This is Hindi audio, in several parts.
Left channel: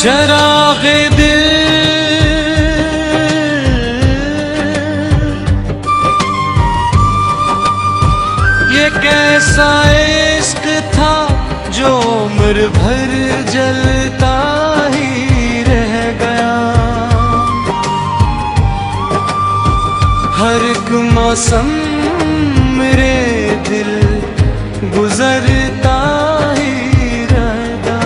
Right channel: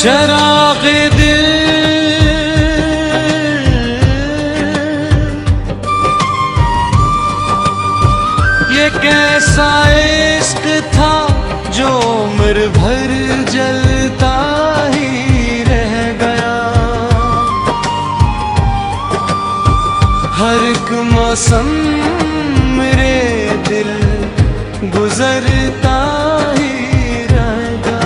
चराग़े दिल ये कैसा इश्क था जो उम्र भर जलता ही रह गया। हर एक मौसम मेरे दिल गुजरता ही रहेगा।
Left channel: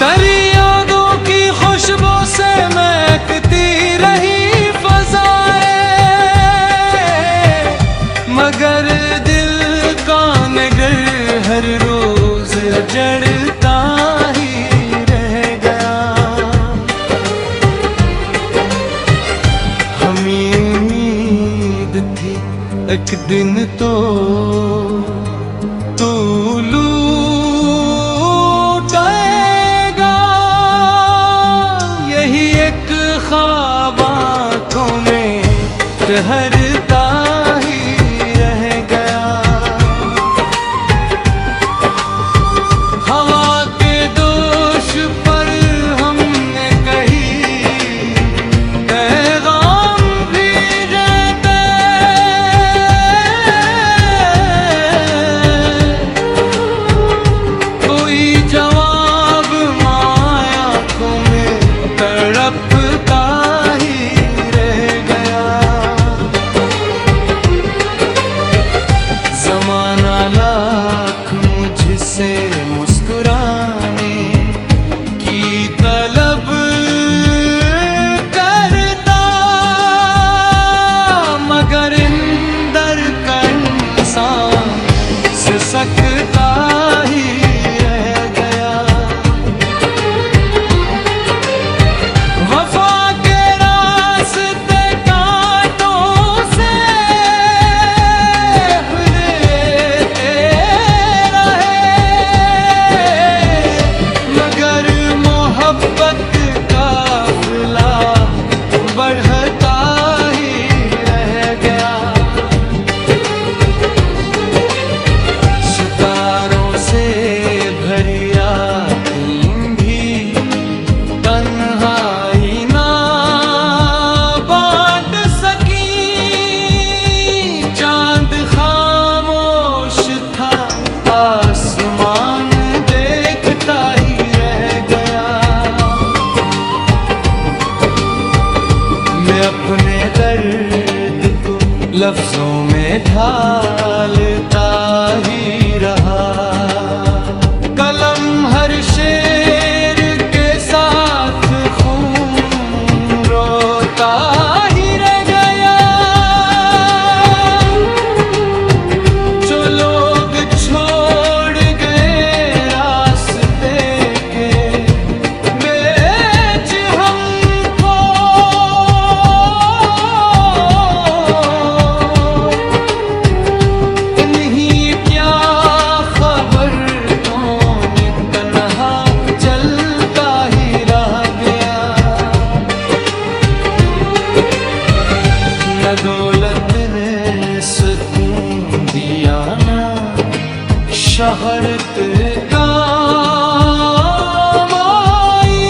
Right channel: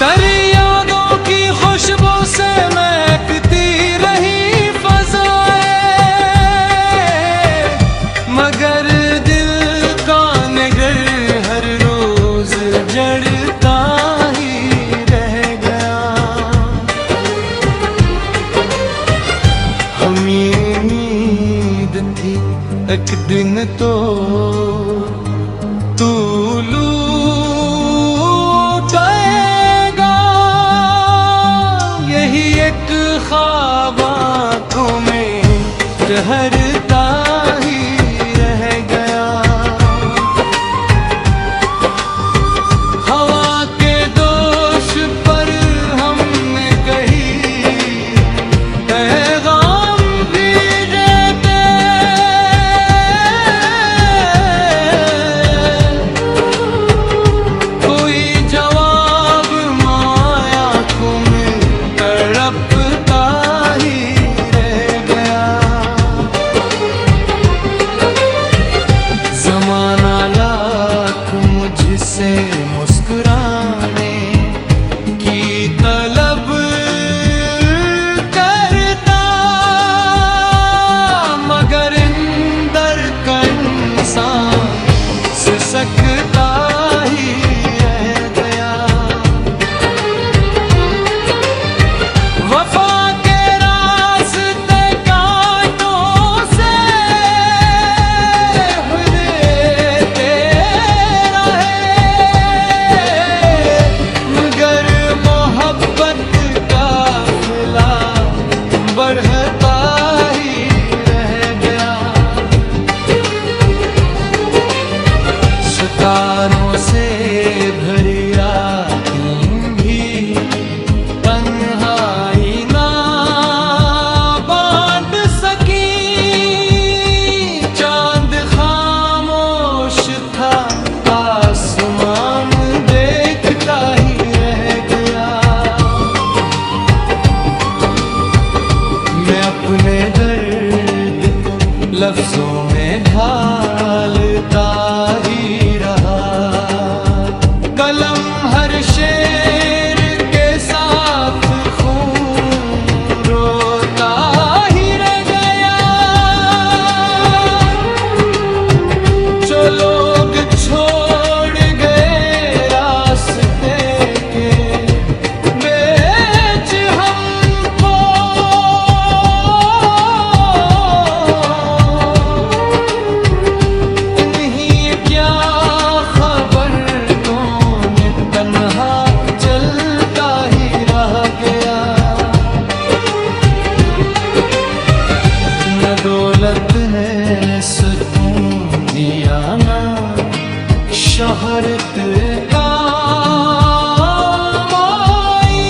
तेरी यादों की खुशबू से महकती रही फ़ज़ाएं, मगर दिल का नगर हर रोज जड़ता ही रह गया। हमें उम्मीद थी एक दिन तो तू लूटेगा, यही एक ख्वाब आँखों में ठहरता ही रह गया। हवा के दोष पर हमने कही पैगाम भी देते, कोई जवाब माया आँखों में तड़पता ही रह गया। ज़माना लाख मुझसे मुस्कुराने की तलब करता, मगर इंदर का इंसान सिसकता ही रह गया। वफा के रास्ते कांटों से हुलते रहे, मगर मोहब्बत का काफिला बढ़ता ही रह गया। सितारों से भरी रातें भी तन्हाई ना बांट सकी, चांद खामोश था आसमान देखता ही रह गया। मैं अपने दर्द को लफ्जों में ढालता ही रहा, कलम हर शेर के साथ खून रोता ही रह गया। जो लोग छोड़ गए रास्ते के बेच हमको, इन्हीं क्या खबर कौन तन्हा चलता ही रह गया। न दौलत ने सुकून दिया ना शोहरत काम आई,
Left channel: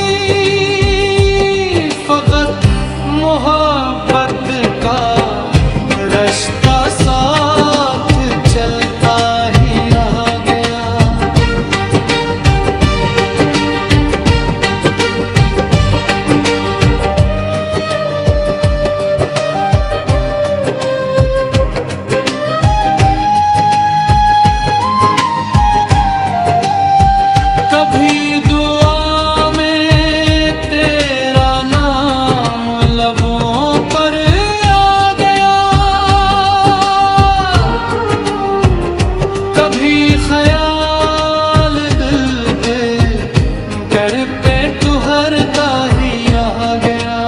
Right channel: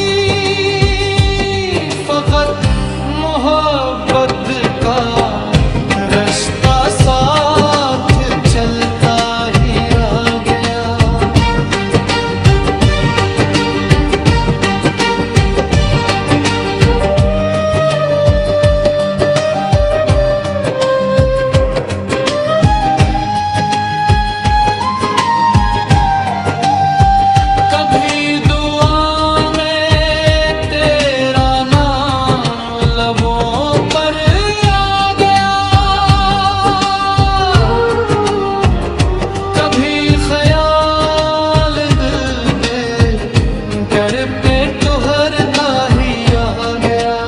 फकत मोहब्बत का रास्ता साथ चलता ही रह गया। कभी दुआ में तेरा नाम लबों पर आ गया, कभी ख्याल दिल दे कर पे ठहरता ही आ गया।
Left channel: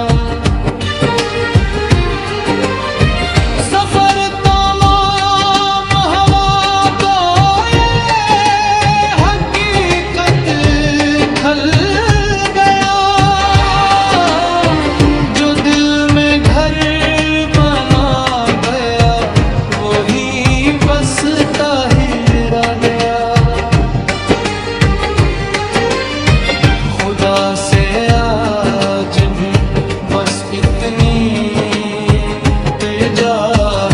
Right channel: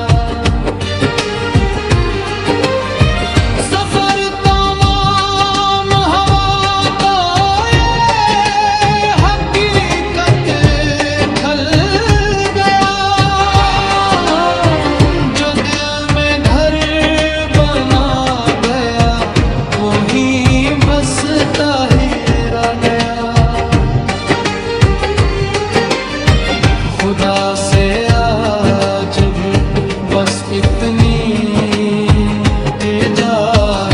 सफर तमाम हवा तो ये हकीकत खल गया, जो दिल में घर बना गया वही बसता ही रह गया। खुदा से आज भी बस इतनी इल्तिजा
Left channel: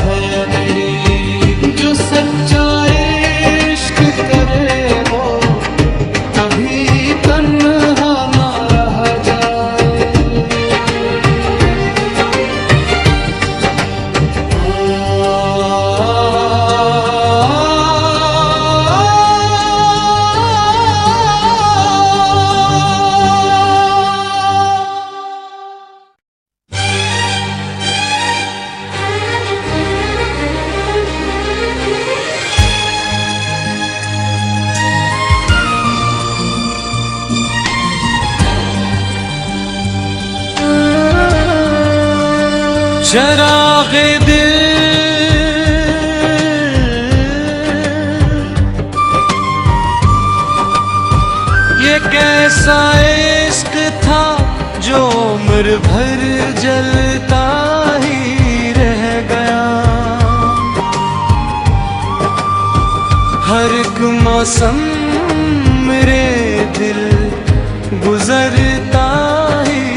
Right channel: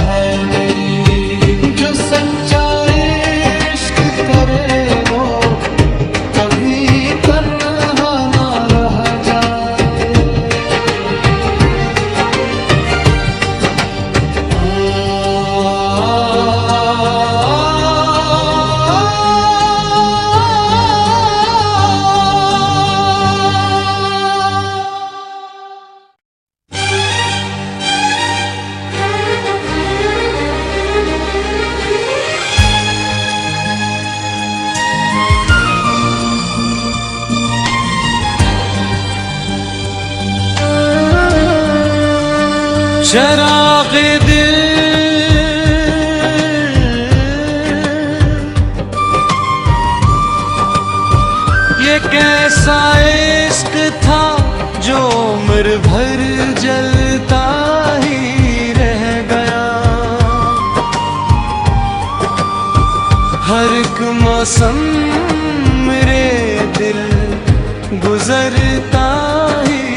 है मेरी। जो सच्चा इश्क करे वो कभी तन्हा ना रह जाए। चराग़ दिल ये कैसा इश्क था जो उम्र भर जलता ही रह गया। हर एक मौसम मेरे दिल गुजरता ही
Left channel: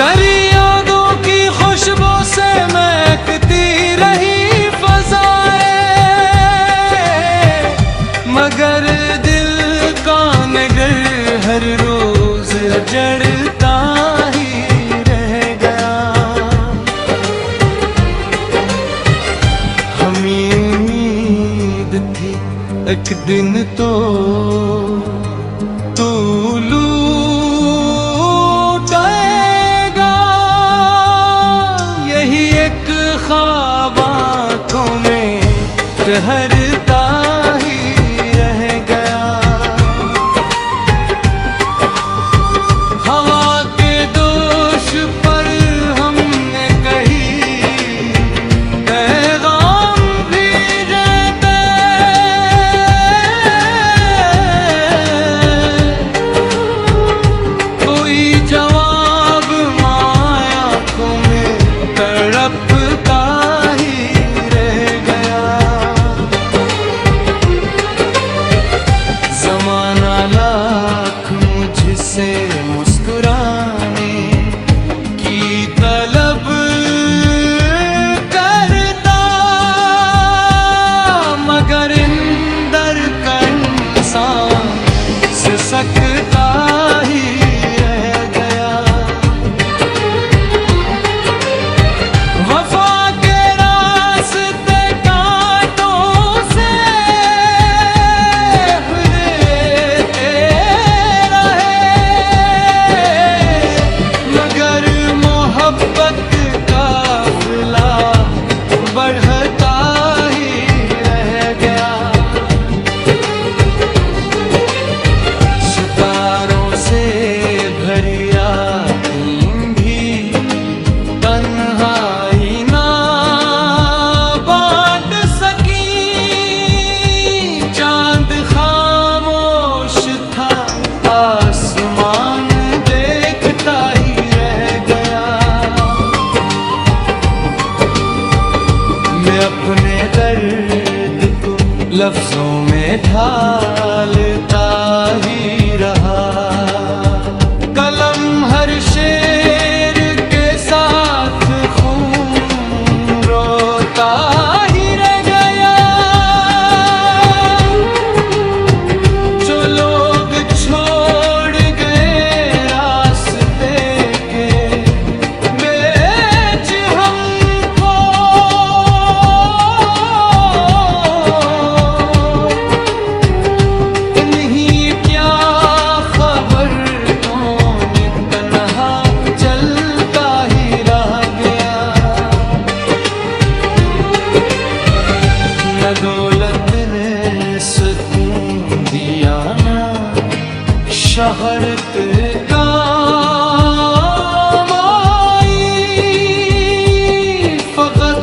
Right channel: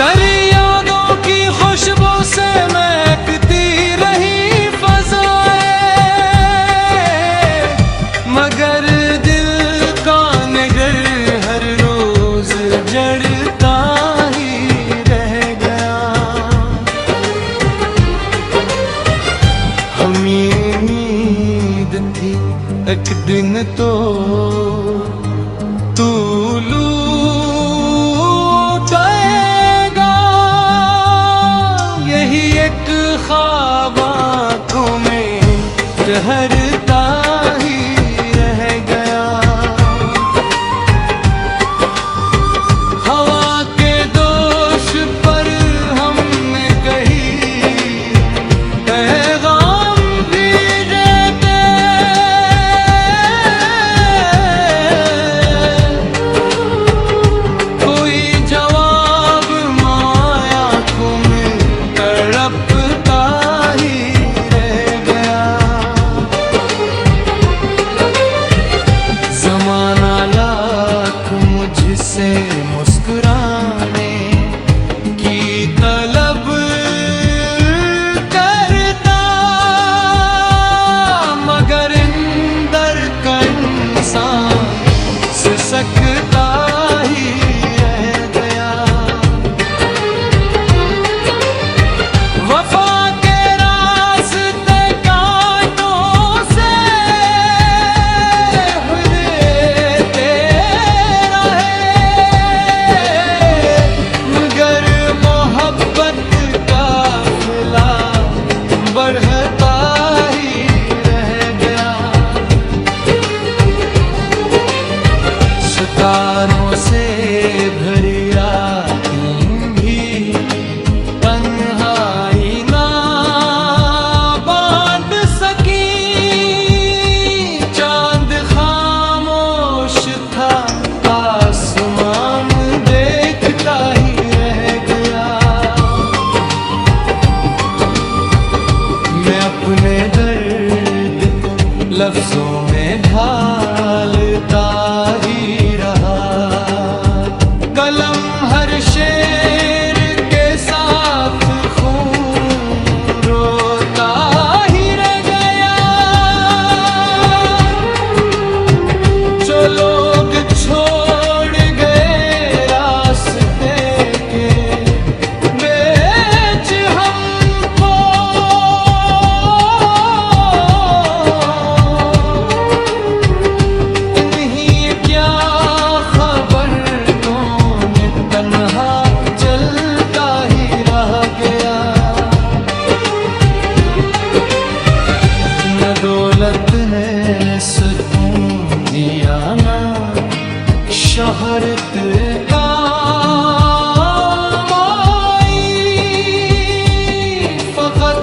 तेरी यादों की खुशबू से महकती रही फ़ज़ाएं, मगर दिल का नगर हर रोज जड़ता ही रह गया। हमें उम्मीद थी एक दिन तो तू ख्वाब आँखों में ठहरता ही रह गया। हवा के दोष पर हमने कही पैगाम भेजे थे, कोई जवाब माया आँखों में तड़प ज़माना लाख मुझसे मुस्कुराने की तलब करता, मगर इंदर का इंसान सिसकता ही रह गया। वफा के रास्ते कांटों से काफिला बढ़ता ही रह गया। सितारों से भरी रातें भी तन्हाई ना बांट सकी। चांद खामोश था, आसमान देखता ही रह गया। मैं अपने दर्द को लफ्जों में ढालता ही रहा। कलम हर शेर के साथ खून रोता ही रह गया। जो लोग छोड़ गए रास्ते के बेच हमको, इन्हीं क्या खबर कौन तन्हा चलता ही रह गया। न दौलत ने सुकून दिया ना शोहरत काम आई, फकत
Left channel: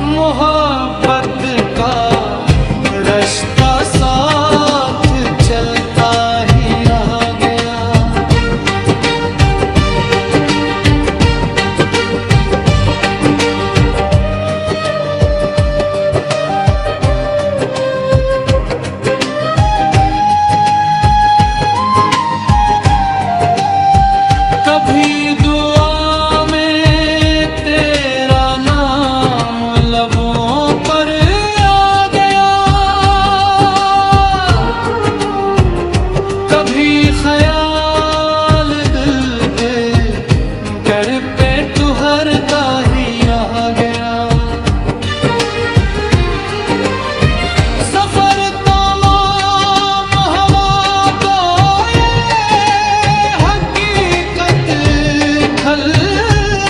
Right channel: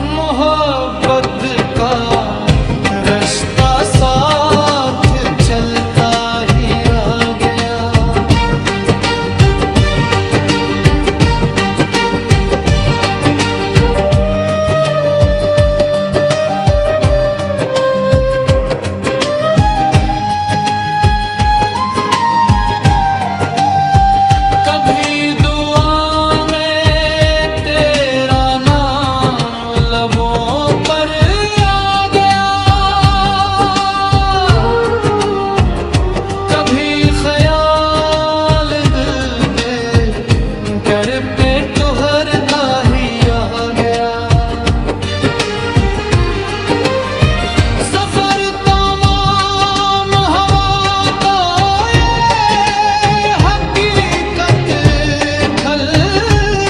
मोहब्बत का रास्ता साथ चलता ही रह गया। गया। सफर तमाम हवा तो ये हकीकत खल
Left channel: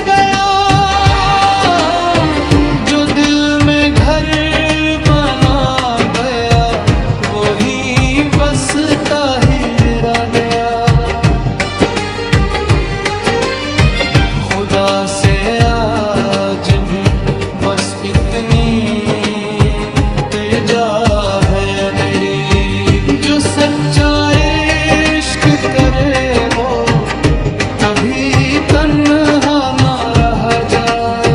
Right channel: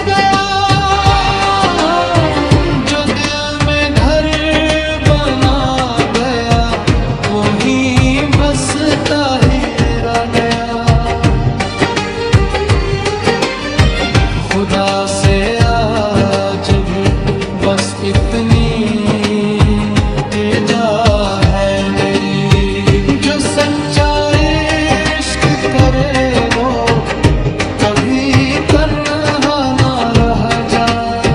गया। जो दिल में घर बना गया वही बसता ही रह गया। खुदा से आज भी बस इतनी इल्तिजा है मेरी, जो सच्चा इश्क करे वो कभी तन्हा ना रह जाए।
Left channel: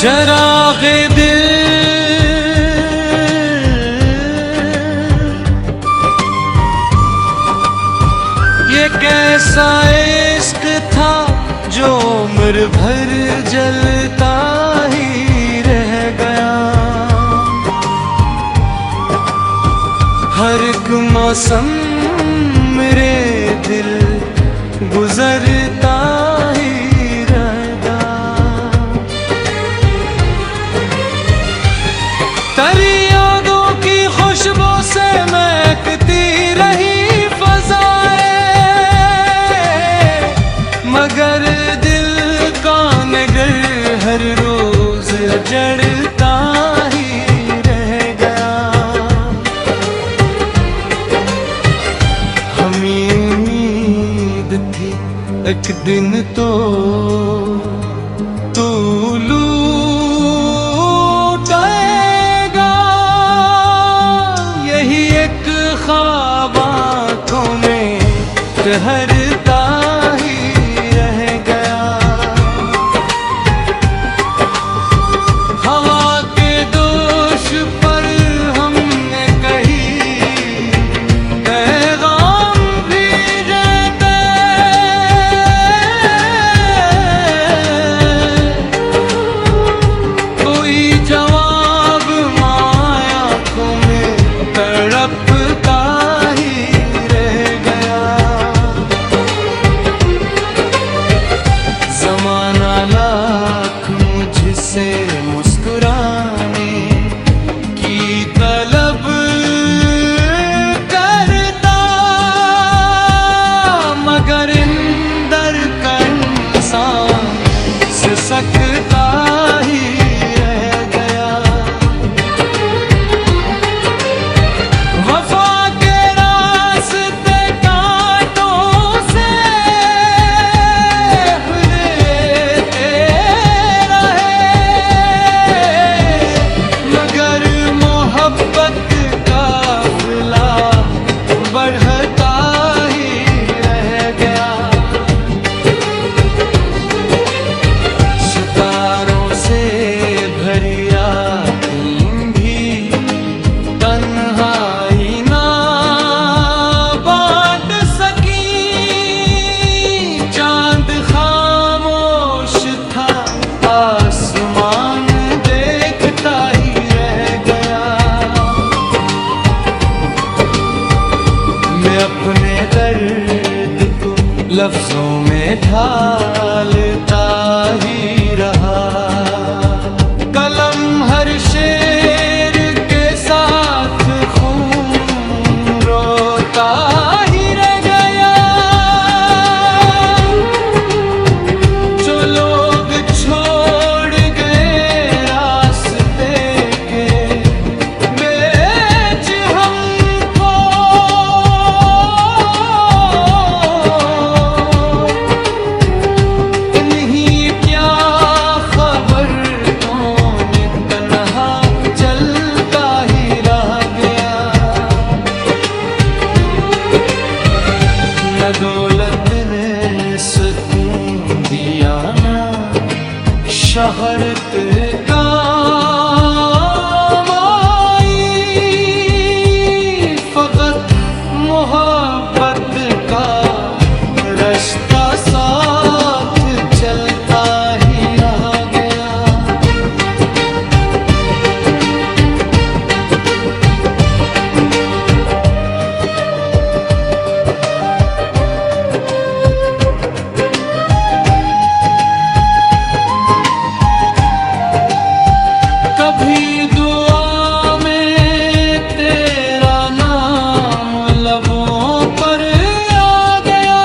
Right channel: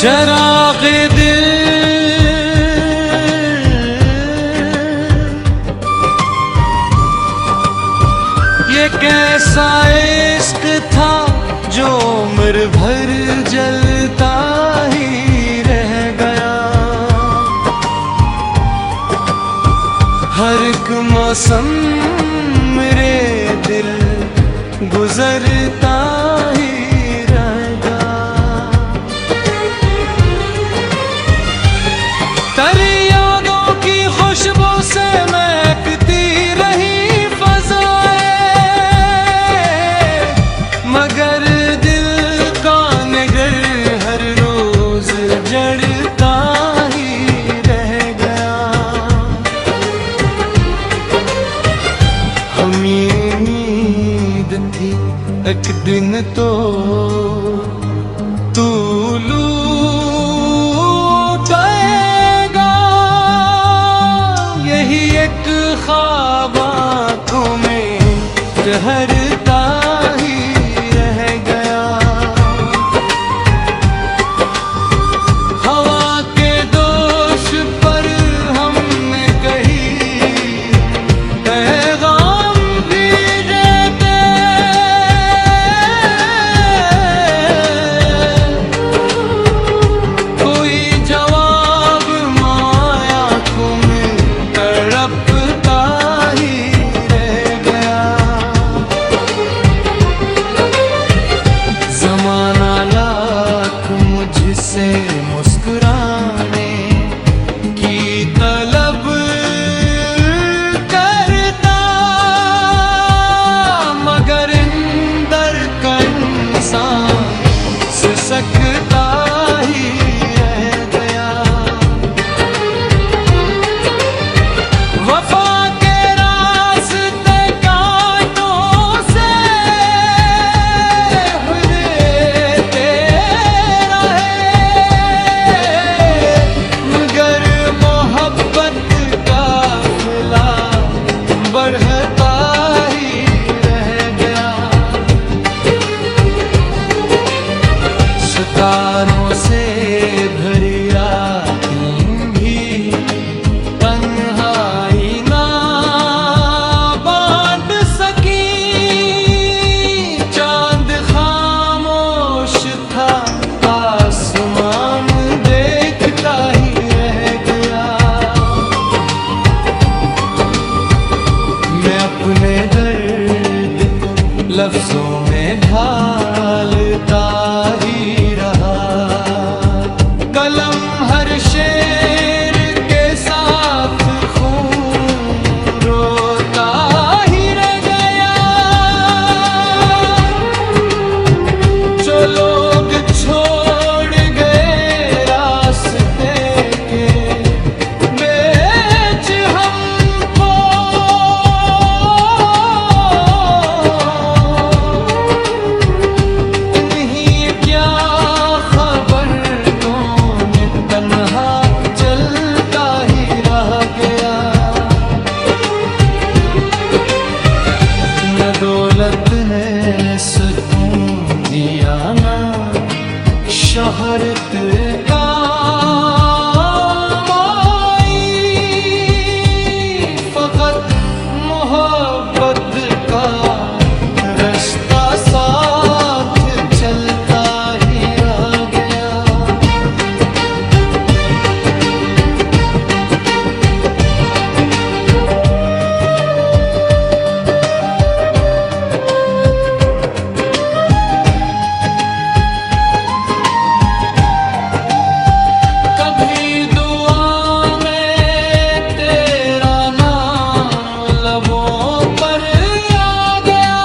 चराग़ दिल ये कैसा इश्क था जो उम्र भर जलता ही रह गया। हर एक मौसम मेरे दिल गुजरता ही रह गया। तेरी यादों की खुशबू से महकती रही फ़ज़ाएं, मगर दिल का नगर हर रोज जड़ता ही रह गया। हमें उम्मीद थी एक दिन तो तू ख्वाब आँखों में ठहरता ही रह गया। हवा के दोष पर हमने कही पैगाम भी देते, कोई जवाब माया आँखों में तड़पता ही रह गया। ज़माना लाख मुझसे मुस्कुराने की तलब करता, मगर इंदर का इंसान सिसकता ही रह गया। वफा के रास्ते कांटों से हुलेते रहे, मगर मोहब्बत का काफिला बढ़ता ही रह गया। सितारों से भरी रातें भी तन्हाई ना बांट सकी, चांद खामोश था आसमान देखता ही रह गया। मैं अपने दर्द को लफ्जों में ढालता ही रहा, कलम हर शेर के साथ खून रोता ही रह गया। जो लोग छोड़ गए रास्ते के बेच हमको, इन्हीं क्या खबर कौन तन्हा चलता ही रह गया। न दौलत ने सुकून दिया, ना शहरत काम आई, फकत मोहब्बत का रास्ता साथ चलता ही रह गया। कभी दुआ में तेरा नाम लबों पर आ गया,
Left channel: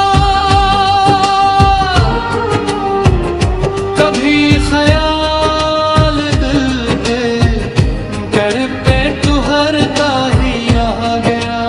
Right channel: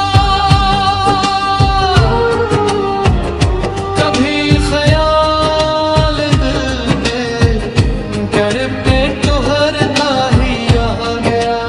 कभी ख्याल दिल दे कर पे ठहरता ही रह गया।